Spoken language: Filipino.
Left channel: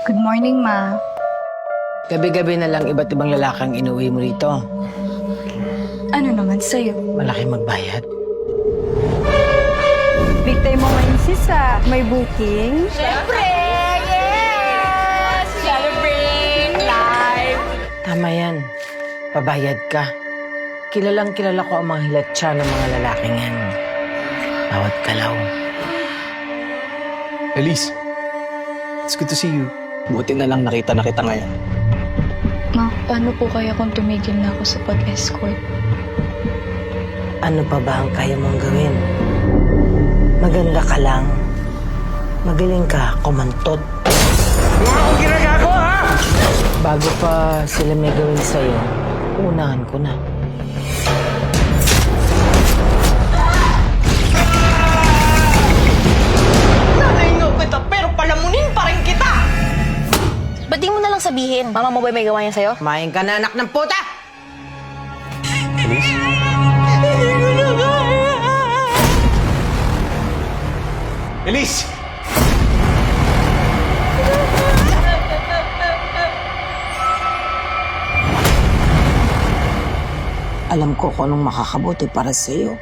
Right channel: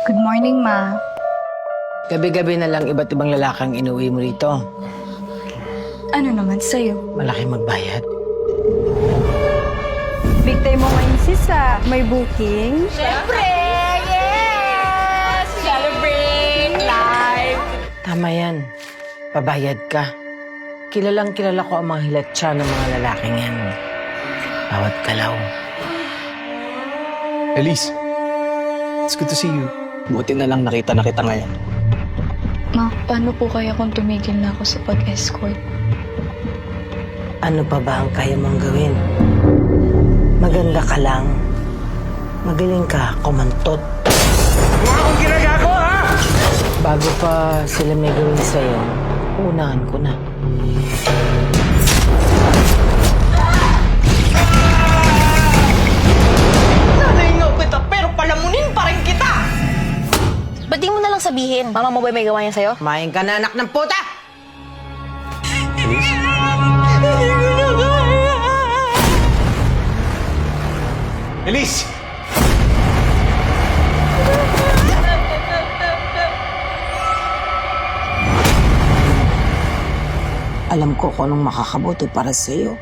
Good morning, Ma. Gabi-gabi na lang iba't ibang lalakang inuwi mo rito. Ano naman sa'yo? Malaki magbayad. Big time mo ngayon, sis, may booking? Siyempre! Yes! Celebrate life! Tama yan. Pabayad ka. Kilalang kilala ko ang mga hilatsya ng mga lalaking yan. Bawat galaw. Elise, it's good to see you. Buti na lang nakita na kita ngayon. Ma, paano po kaya kung tumigil na ako sa pag-escort? Ano pa ba ang kaya mong gawin? Maganda ka lang. Magaling ka, kumantot. Mga akong ginagago, ha? Bago pa sila may gawin sa'yo, unahan ko na. Nanaingaw kita pero palamunin pa rin kita! Ba't di mo na lang sabihin? Mama mo ba may gawa niya sa'yo? Kumain ka na, anak ng puta! Elise? Elise! Alam ko kung anong makakabuti para sa'yo.